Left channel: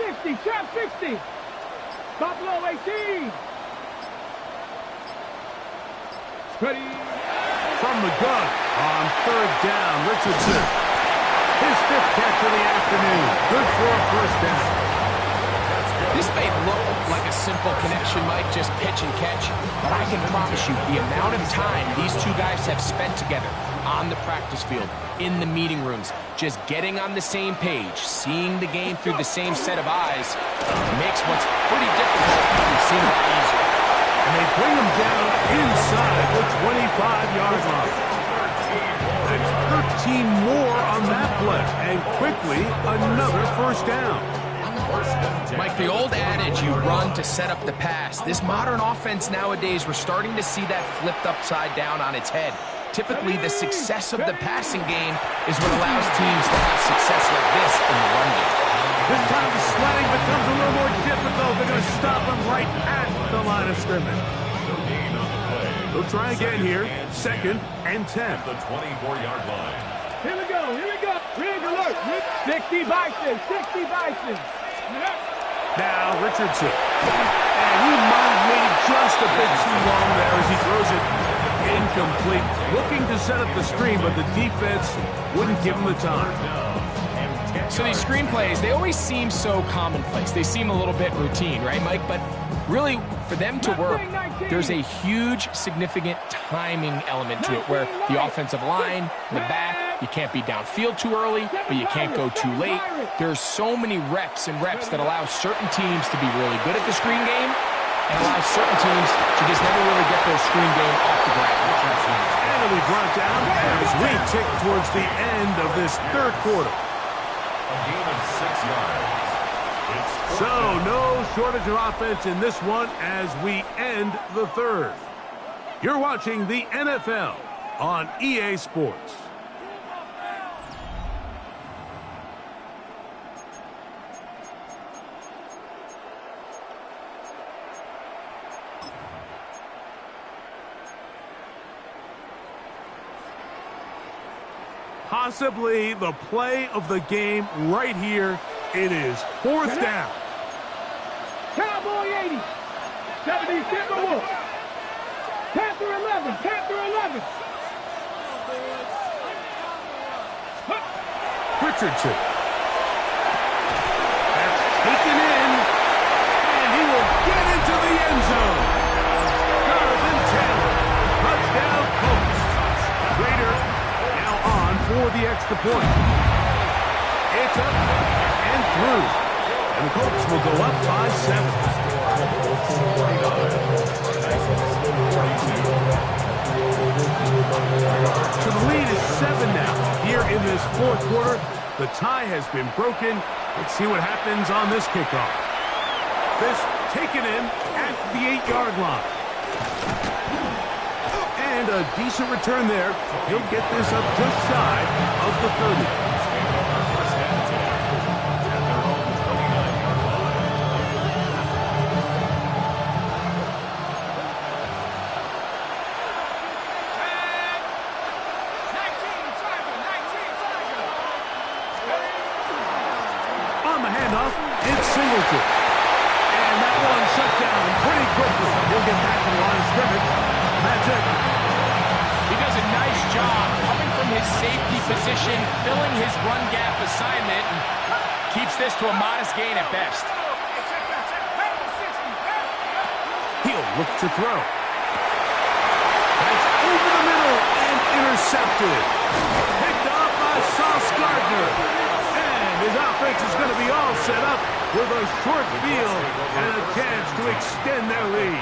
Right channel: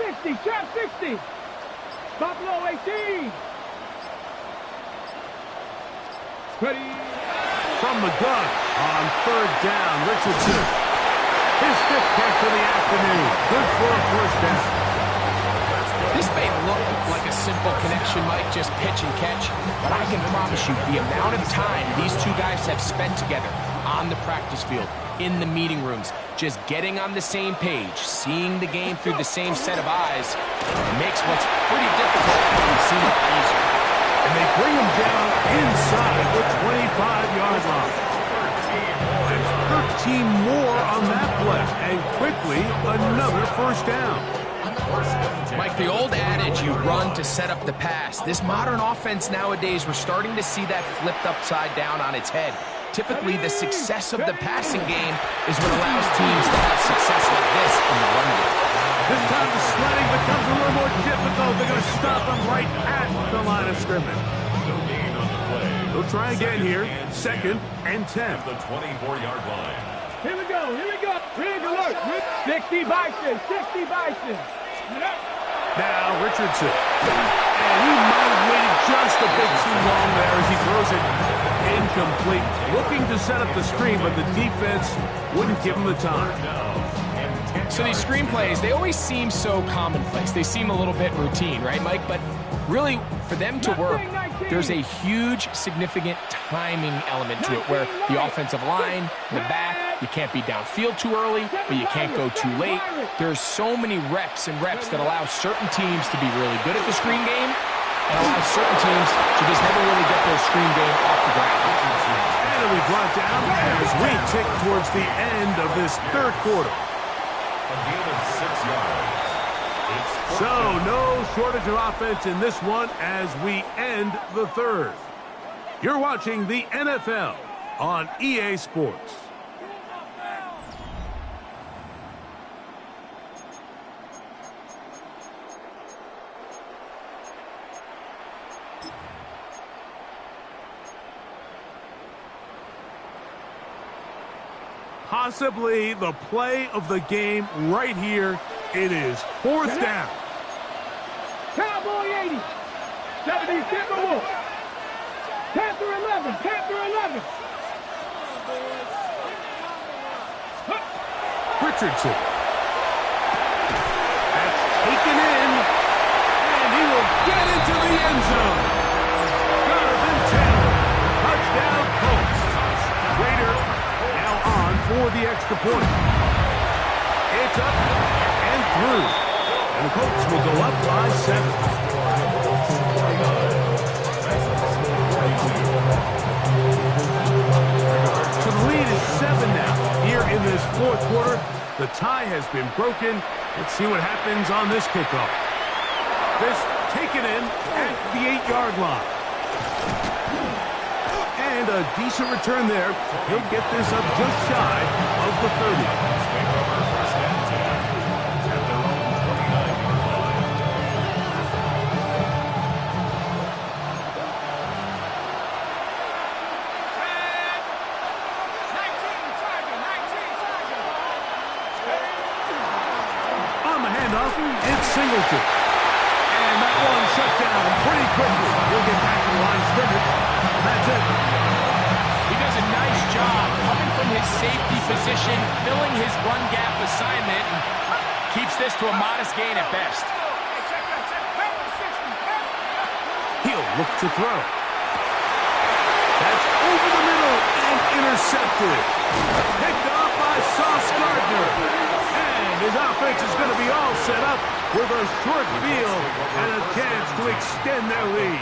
60, trap 60. Buffalo 18. Ready. From the gun on third down, Richardson. His fifth catch of the afternoon. Good for a first down. This may look like a simple connection, Mike, just pitch and catch, but I can promise you the amount of time these two guys have spent together on the practice field, in the meeting rooms, just getting on the same page, seeing the game through the same set of eyes, makes what's pretty difficult seem a lot easier. And they bring him down inside the 25-yard line. That's 13 more on that play, and quickly another first down. Mike, the old adage, you run to set up the pass. This modern offense nowadays, we're starting to see that flipped upside down on its head. Typically, the success of the passing game is what allows teams to have success like this in the run game. This time the sledding becomes a little more difficult. They're going to stop him right at the line of scrimmage. They'll try again here. 2nd and 10. The 24-yard line. Here we go, here we go. Rig alert. 60 Bison, 60 Bison. Now Richardson. And he might have waited just a bit too long there as he throws it incomplete. Looking to set up the screen, but the defense wouldn't give him the time. So these screen plays, they always seem so commonplace. They seem a little bit routine, right, Mike? But really, for them to work, there's a huge, significant timing element to it where the offensive line, the back, you can't be downfield too early, but you can't go too late. There's so many reps and reps that allow certain teams to be really good at the screen game and allow certain teams to just never really get their screen game off the ground. And it'll be brought down as we tick towards the end of this third quarter. A gain of 6 yards. So, no shortage of offense in this one as we end the third. You're watching the NFL on EA Sports. Possibly the play of the game right here. It is 4th down. Cowboy 80. 70 Timberwolves. Panther 11. Panther 11. Richardson. That's taken in. And he will get into the end zone. Jonathan Taylor. Touchdown Colts. Raider now on for the extra point. It's up and through. And the Colts will go up by 7. So the lead is 7 now. Here in this fourth quarter, the tie has been broken. Let's see what happens on this kickoff. This taken in at the 8-yard line. And a decent return there. He'll get this up just shy of the 30. It's Singleton. And that one shut down pretty quickly. He'll get back to the line of scrimmage. That's it. He does a nice job coming from his safety position, filling his run gap assignment, and keeps this to a modest gain at best. He'll look to throw. That's over the middle and intercepted. Picked up by Sauce Gardner. His offense is going to be all set up with a short field and a chance to extend their lead.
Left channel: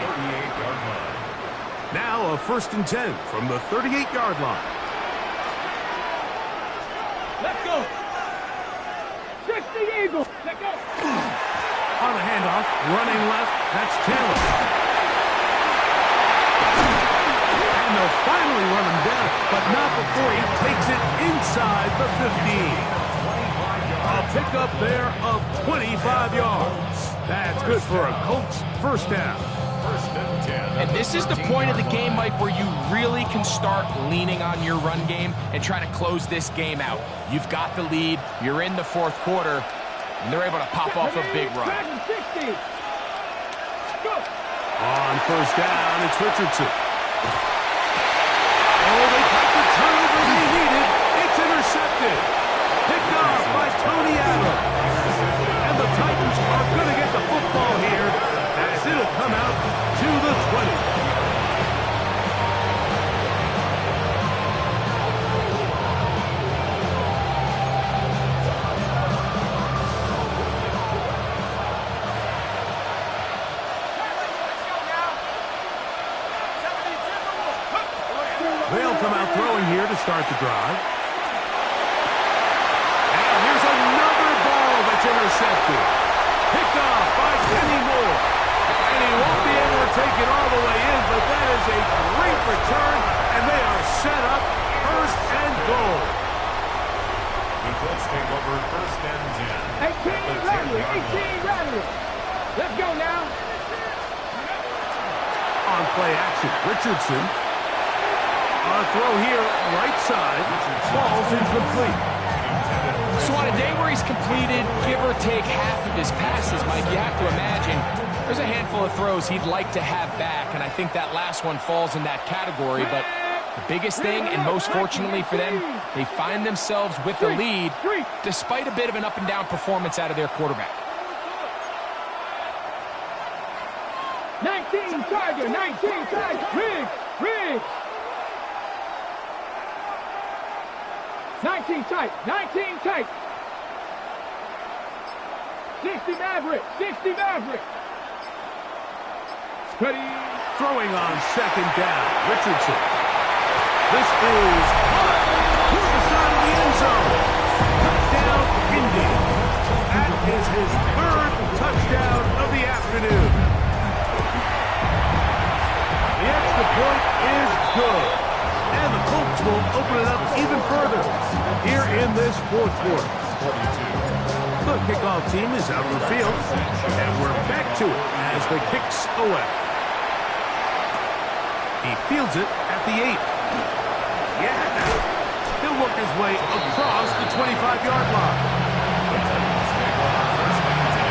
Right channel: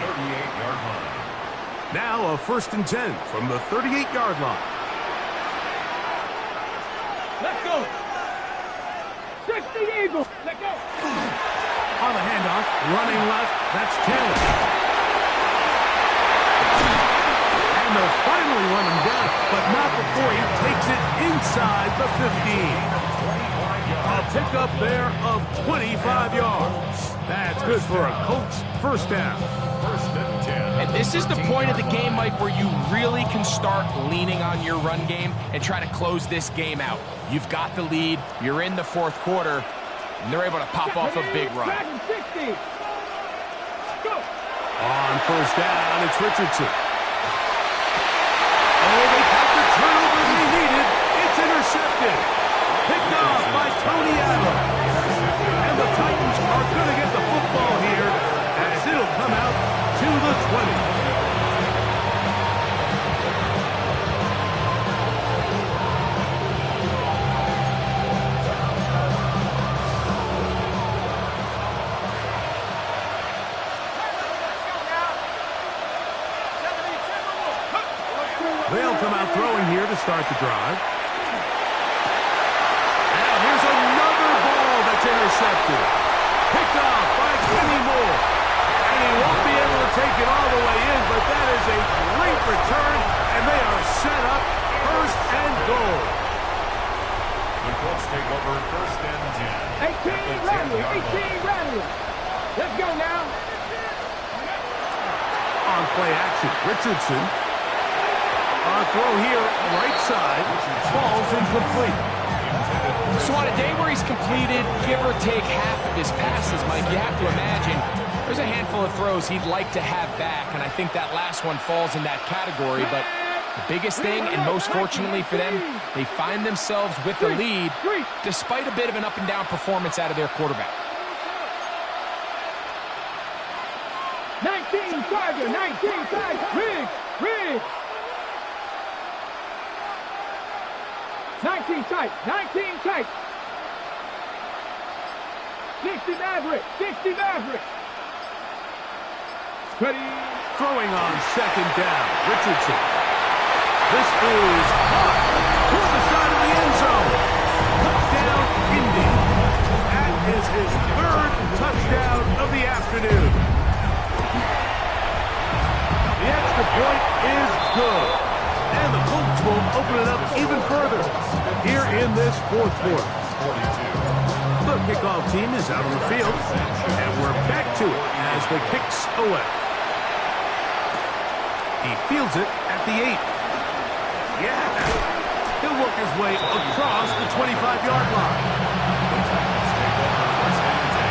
Now a 1st and 10 from the 38-yard line. Let's go. 60 Eagles. Let's go. On the handoff, running left, that's Taylor. And they'll finally run him down, but not before he takes it inside the 15. A pickup there of 25 yards. That's good for a Colts first down. And this is the point of the game, Mike, where you really can start leaning on your run game and try to close this game out. You've got the lead. You're in the fourth quarter. And they're able to pop off a big run. 60. Go. On first down, it's Richardson. Oh, they got the turnover they needed. It's intercepted. Picked off by Tony Adams. And the Titans are going to get the football here as it'll come out to the 20. They'll come out throwing here to start the drive. Now here's another ball that's intercepted. Picked off by Kenny Moore. And he won't be able to take it all the way in, but that is a great return, and they are set up first and goal. The Colts take over first and 10. 18 Rattler, 18 Rattler. Let's go now. On play action, Richardson. On throw here, right side, falls incomplete. So on a day where he's completed, give or take half of his passes, Mike, you have to imagine there's a handful of throws he'd like to have back, and I think that last one falls in that category. But the biggest thing, and most fortunately for them, they find themselves with the lead despite a bit of an up-and-down performance out of their quarterback. 19 Tiger, 19 Tiger. Riggs. 19 tight, 19 tight. 60 Maverick, 60 Maverick. Ready. Throwing on second down, Richardson. This is caught toward the side of the end zone. Touchdown, Indy. That is his third touchdown of the afternoon. The extra point is good. And the Colts will open it up even further here in this fourth quarter. 42. The kickoff team is out on the field, and we're back to it as the kick's away. He fields it at the 8. Yeah! He'll work his way across the 25-yard line. The Titans take over first and 10.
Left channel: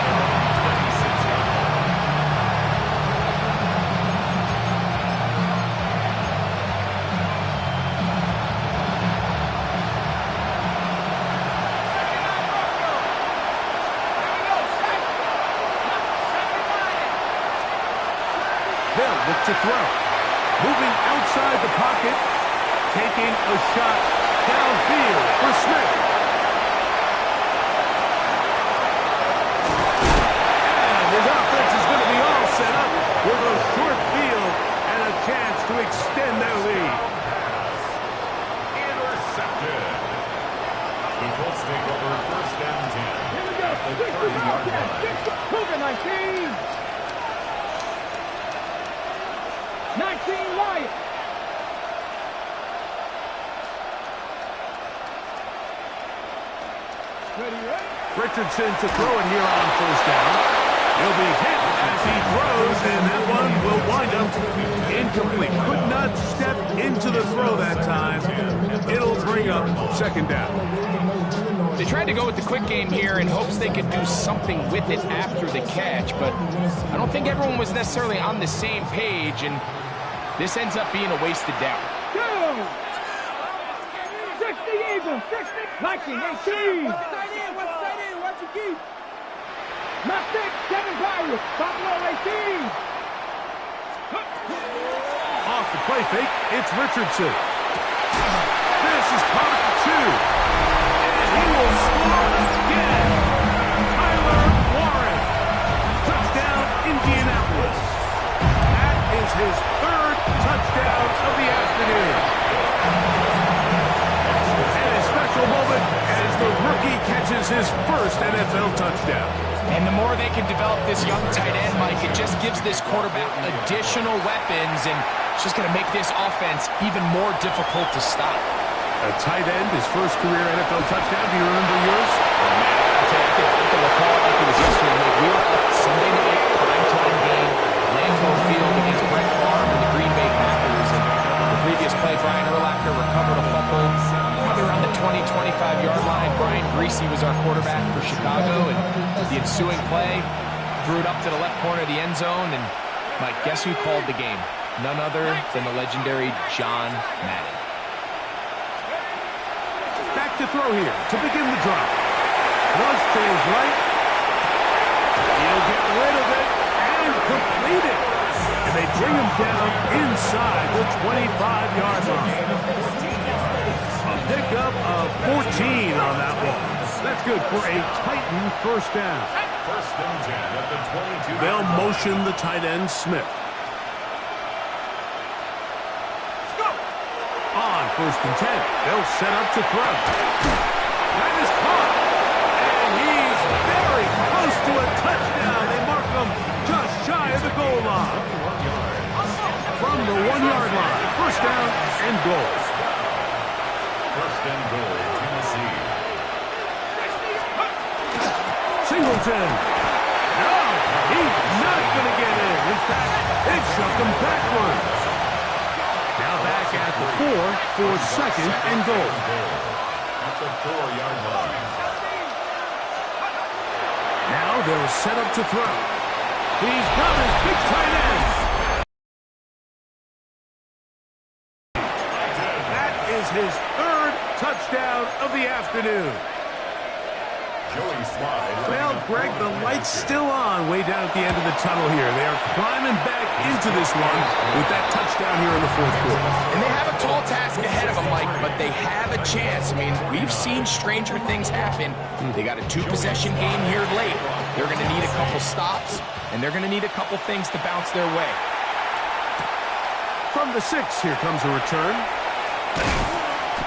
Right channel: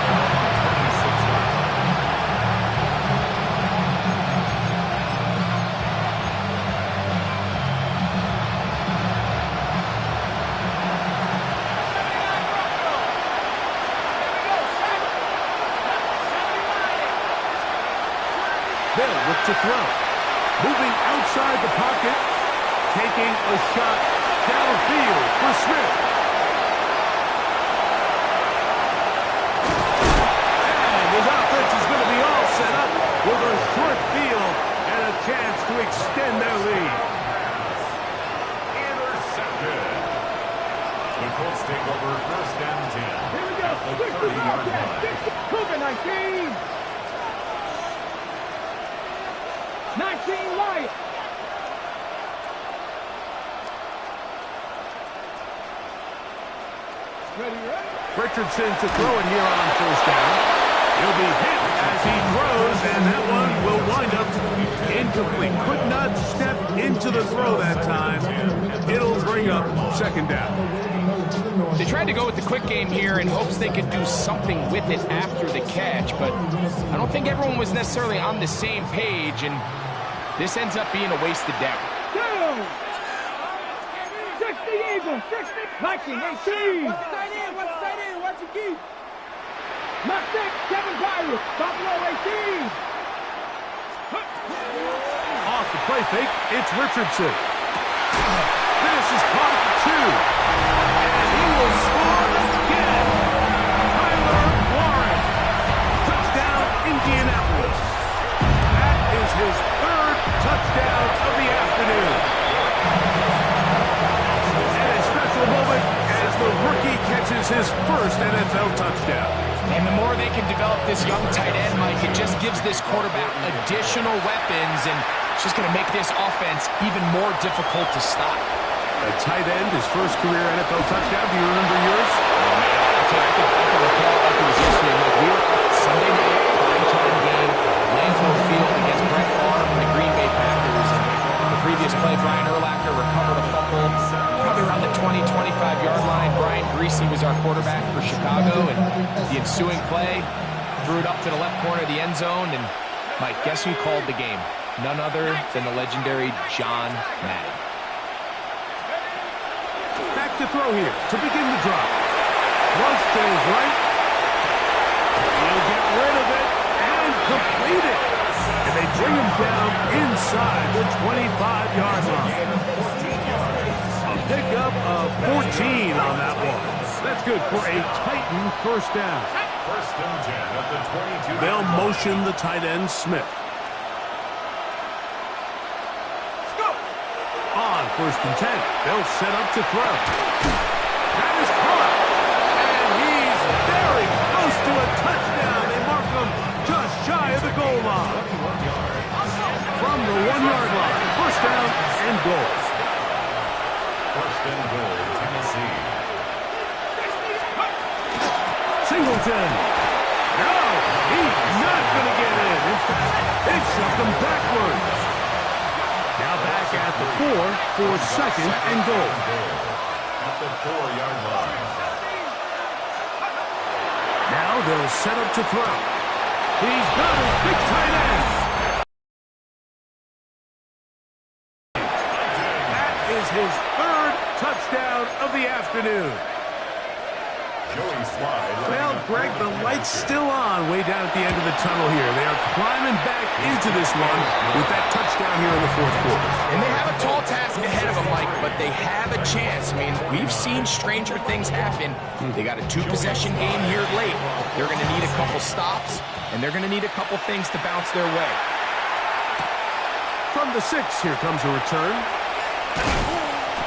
They're on the 26-yard line. They'll look to throw. Moving outside the pocket, taking a shot downfield for Smith. And his offense is going to be all set up with a short field and a chance to extend their lead. Intercepted. The Colts take over first and 10. Here we go. At the 30-yard line. Cougar 19. 19 Lions. Ready. Richardson to throw it here on first down. He'll be hit as he throws, and that one will wind up incomplete. Could not step into the throw that time. It'll bring up second down. They tried to go with the quick game here in hopes they could do something with it after the catch, but I don't think everyone was necessarily on the same page, and this ends up being a wasted down. 60 Eagles, 60, 19, 18. What's tight end? Watch your keep. Not 6, 7 Pirates, Buffalo 18. Off the play fake, it's Richardson. This is caught at the 2. And he will score again. Tyler Warren. Touchdown, Indianapolis. That is his third touchdown of the afternoon. And a special moment as the rookie catches his first NFL touchdown. And the more they can develop this young tight end, Mike, it just gives this quarterback additional weapons, and it's just going to make this offense even more difficult to stop. A tight end, his first career NFL touchdown. Do you remember yours? Oh, man, I'll tell you, I can recall it like it was yesterday. Like, we were up Sunday night, primetime game, Lambeau Field against Brett Favre and the Green Bay Packers, and the previous play, Brian Urlacher recovered a fumble probably around the 20, 25-yard line. Brian Greasy was our quarterback for Chicago, and the ensuing play threw it up to the left corner of the end zone. And Mike, guess who called the game? None other than the legendary John Madden. Back to throw here to begin the drop. Flush to his right. He'll get rid of it and complete it. And they bring him down inside the 25-yard line. A pickup of 14 on that one. That's good for a Titan first down. First and 10 at the 22. They'll motion the tight end, Smith. On first and 10, they'll set up to throw. That is caught. And he's very close to a touchdown. They mark him just shy of the goal line. From the 1-yard line, first down and goal. First and goal, Tennessee. Singleton. No, he's not going to get in. In fact, they've shoved him backwards. Now back at the 4 for second and goal. At the 4-yard line. Now they'll set up to throw. He's got his big tight end. That is his third touchdown of the afternoon. Joey Slide. Well, Greg, the light's still on way down at the end of the tunnel here. They are climbing back into this one with that touchdown here in the fourth quarter. And they have a tall task ahead of them, Mike, but they have a chance. I mean, we've seen stranger things happen. They got a 2-possession game here late. They're going to need a couple stops, and they're going to need a couple things to bounce their way. From the 6, here comes a return.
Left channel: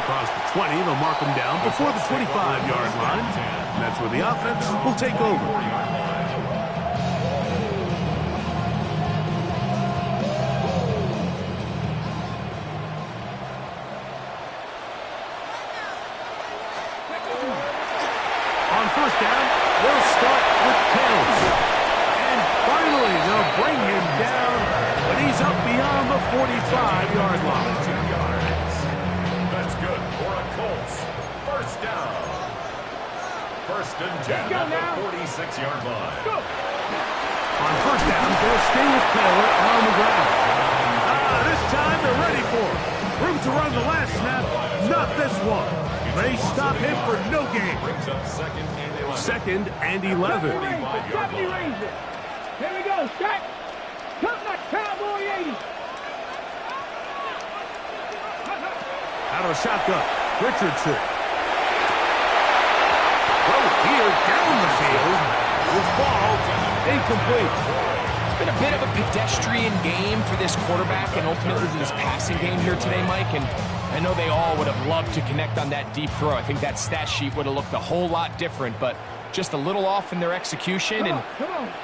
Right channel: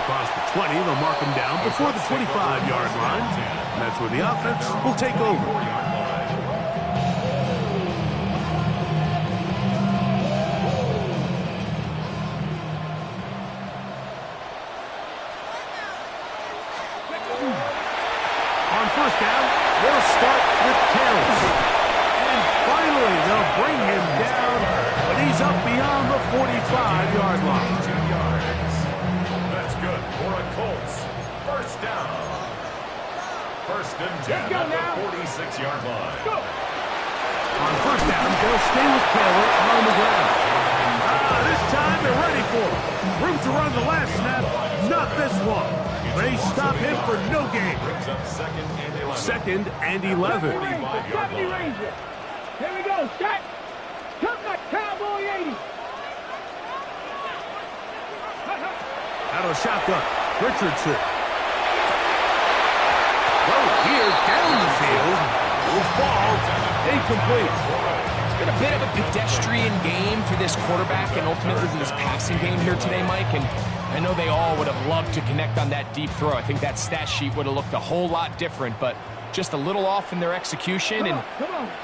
Across the 20, they'll mark him down before the 25-yard line. And that's where the offense will take over. On first down, they'll start with Tales. And finally, they'll bring him down, but he's up beyond the 45-yard line. 2 yards. That's good for a Colts. First down. First and 10 at the 46-yard line. Go. On first down, they'll stay with Taylor on the ground. This time they're ready for it. Room to run the last snap, not this one. They stop him for no gain. Brings up second and 11. Second and 11. 70 Ranger. Here we go, Scott. Come that Cowboy 80. Out of the shotgun, Richardson. Throw here down the field. Will fall. Incomplete. It's been a bit of a pedestrian game for this quarterback and ultimately this passing game here today, Mike. And I know they all would have loved to connect on that deep throw. I think that stat sheet would have looked a whole lot different, but just a little off in their execution and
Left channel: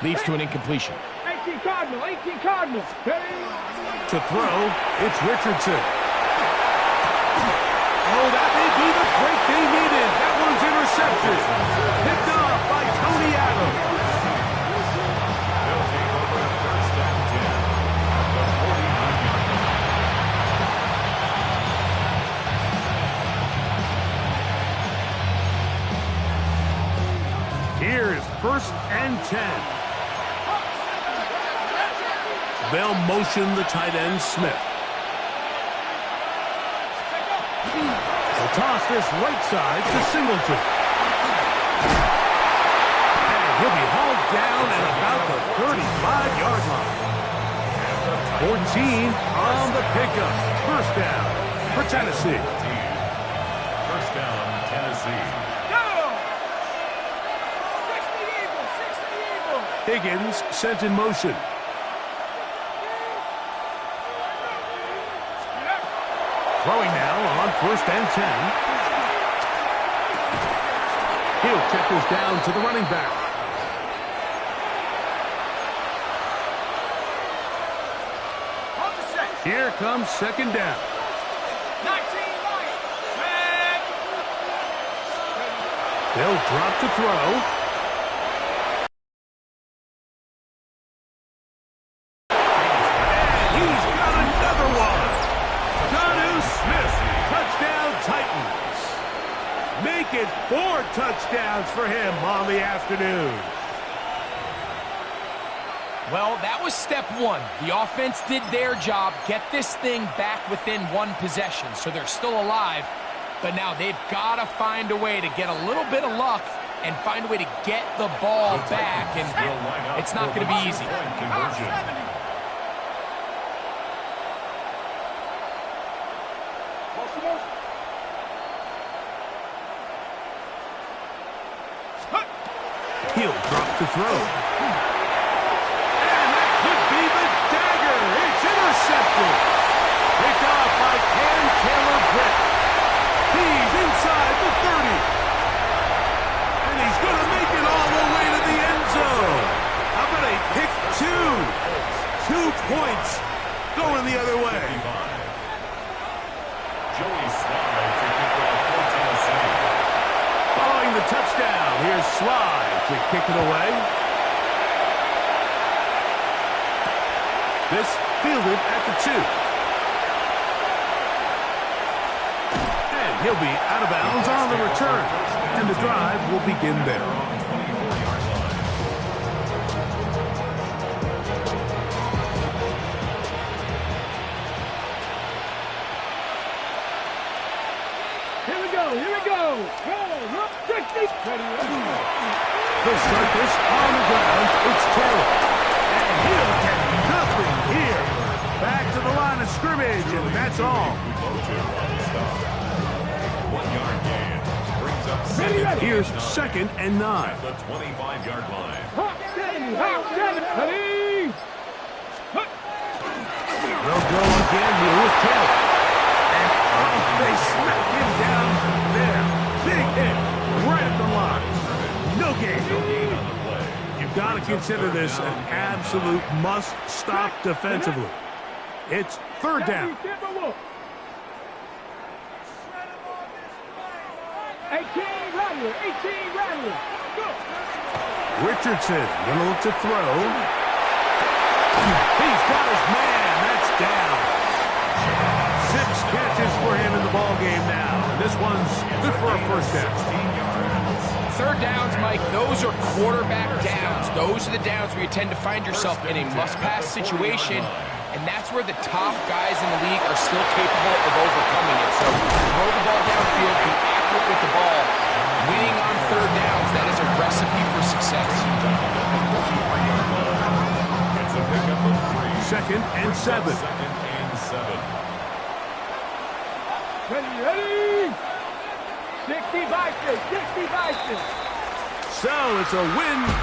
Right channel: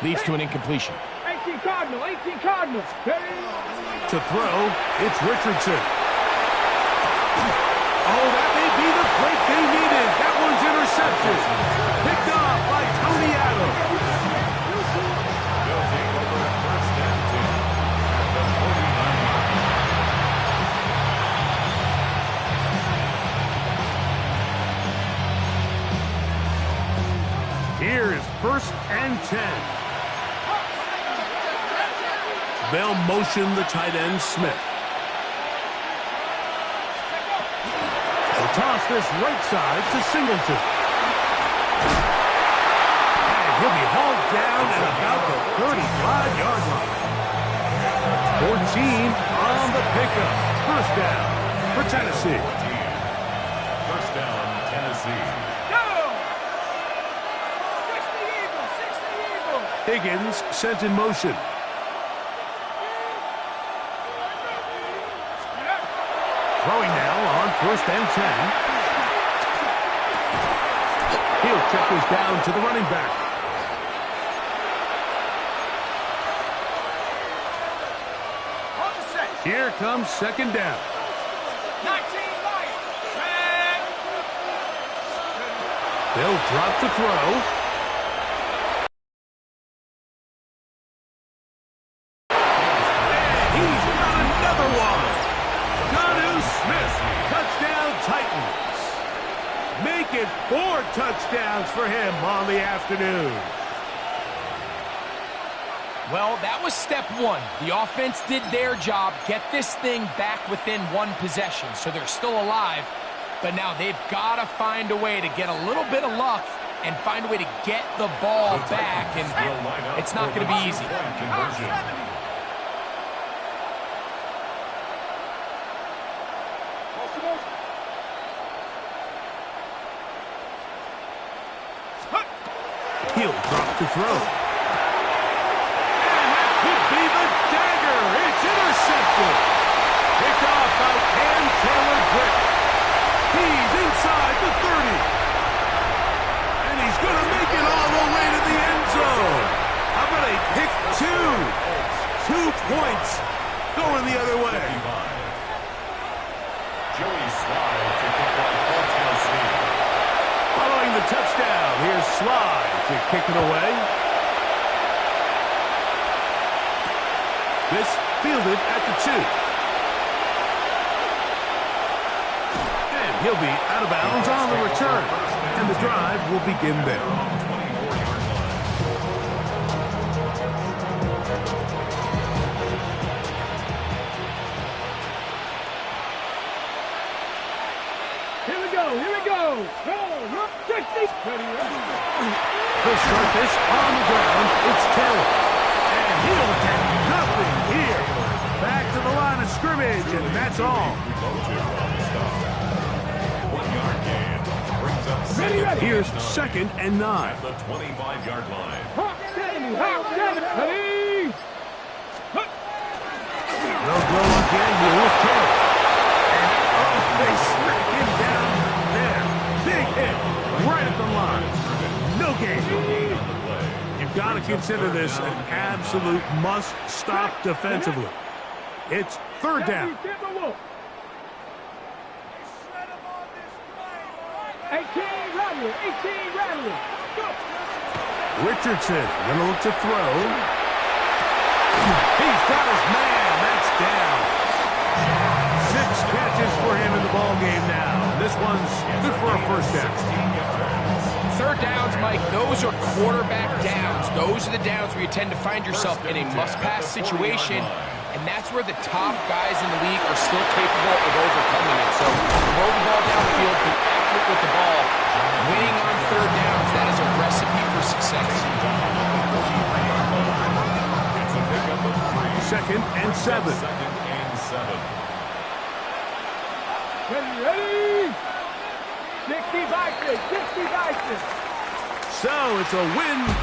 leads to an incompletion. 18 Cardinal, 18 Cardinal. To throw, it's Richardson. Oh, that may be the break they needed. That one's intercepted. Picked off by Tony Adams. They'll take over at first and 10 at the 49-yard line. Here's first and 10. They'll motion the tight end, Smith. They'll toss this right side to Singleton. And he'll be hauled down at about the 35-yard line. 14 on the pickup. First down for Tennessee. First down, Tennessee. Higgins sent in motion. Throwing now on first and 10. He'll check this down to the running back. Here comes second down. 19 They'll drop to throw. And he's got another one. Got it 4 touchdowns for him on the afternoon. Well, that was step one. The offense did their job, get this thing back within 1 possession, so they're still alive. But now they've got to find a way to get a little bit of luck and find a way to get the ball back, and it's not going to be easy. He'll drop to throw. And that could be the dagger. It's intercepted. Picked off by Cam Taylor-Britt. He's inside the 30. And he's going to make it all the way to the end zone. How about a pick 2? 2 points going the other way. Joey Slye to kick off for Tennessee. Following the touchdown, here's Slye to kick it away. This fielded at the 2. And he'll be out of bounds on the return. And the drive will begin there. Here we go. Roll, 60. They'll start this on the ground. It's Taylor. And he'll get nothing here. Back to the line of scrimmage, and that's all. 1 yard gain. Brings up second. Here's 2nd and 9. At the 25-yard line. Hawk 70. Ready. They'll go again here with Taylor. And they smack him down there. Big hit right at the line. No gain. You've got to consider this an absolute must-stop defensively. It's 3rd down. 18 Rattler. Go. Richardson going to look to throw. He's got his man. That's down. 6 catches for him in the ball game now. And this one's good for a 1st down. 3rd downs, Mike, those are quarterback downs. Those are the downs where you tend to find yourself in a must-pass situation, and that's where the top guys in the league are still capable of overcoming it. So throw the ball downfield, be accurate with the ball. Winning on 3rd downs, that is a recipe for success. 2nd and 7. Ready. 60 by 6. So it's a win